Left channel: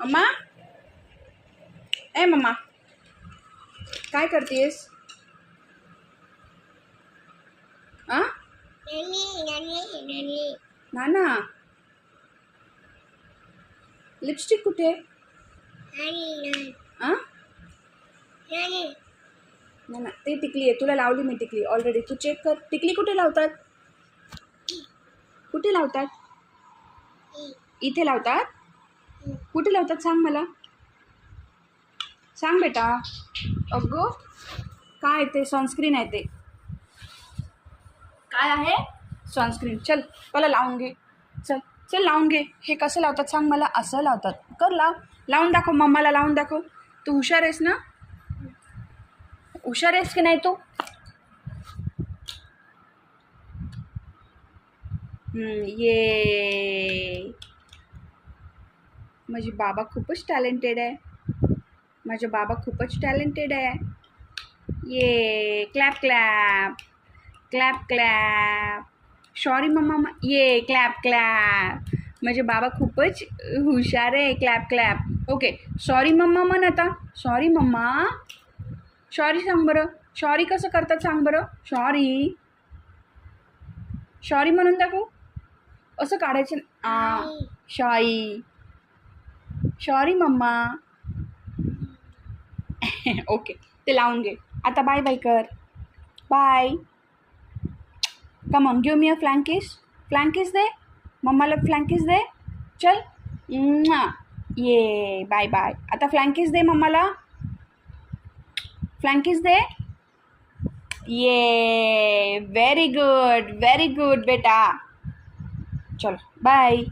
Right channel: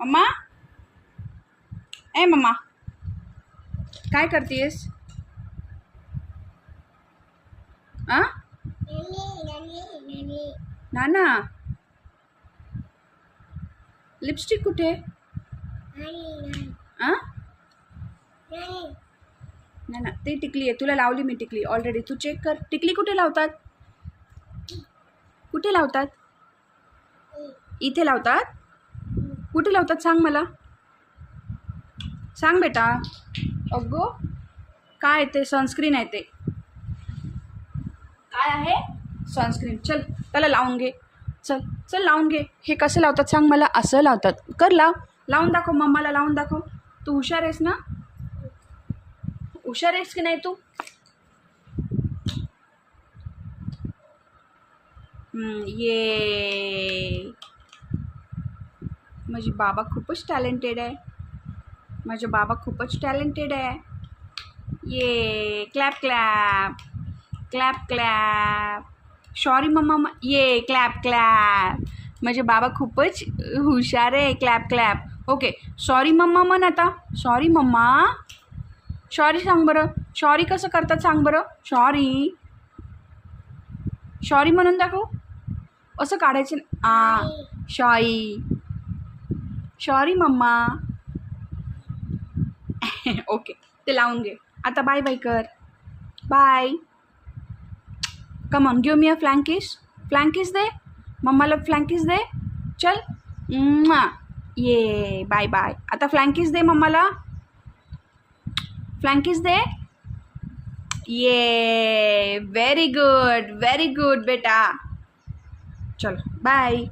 अम्मा, ए mamma, काय करतेस? आ नाना, lipstick कुठे? आ नाना, ते टिकली आहे, तुला लावली मी टिकली ऑलरेडी. तू चेक कर, टिकली कुठे लावतात? कुठे लावतात? इथे लावतात? कुठे लावतात सांग मला, सांग बेटा. अगो, काय ते सनस्क्रीन आहे. ते काय आहे? सनस्क्रीन. चल त्याला लावून घे. चल चल लावून घे. हे कसं लावतात सांग मला. असं लावतात. कर, लावून दाखव मम्माला, लावून दाखव. तू हुशार आहेस ना? हुशार आहेस की नाही तू? ये माझे बाबा खूपच टॅलेंटेड आहे. माझे बाबा खूपच टॅलेंटेड आहे. ये clap clap clap clap. Sorry mumma. ये क्लॅप क्लॅप. माझे बाबा खूपच हुशार आहे. Clap clap. Okay, sorry mumma म्हण आता. Sorry mamma. सॉरी सांग बरं. सॉरी कसं करतात सांग बरं. सॉरी. सॉरी म्हणून दाखव. असं काढायचं. सॉरी. Sorry mamma. ओके, ते लावून घे. आता बाय बाय कर. Bye. Come on, give me a flying kiss. Flying kiss दे मम्माला. फ्लँकिस दे. चल. ये बाय बाय. आता फ्लँकिस दे मम्माला. फ्लँकिस दे. ये व्हेरी गुड बेटा. चल बाय.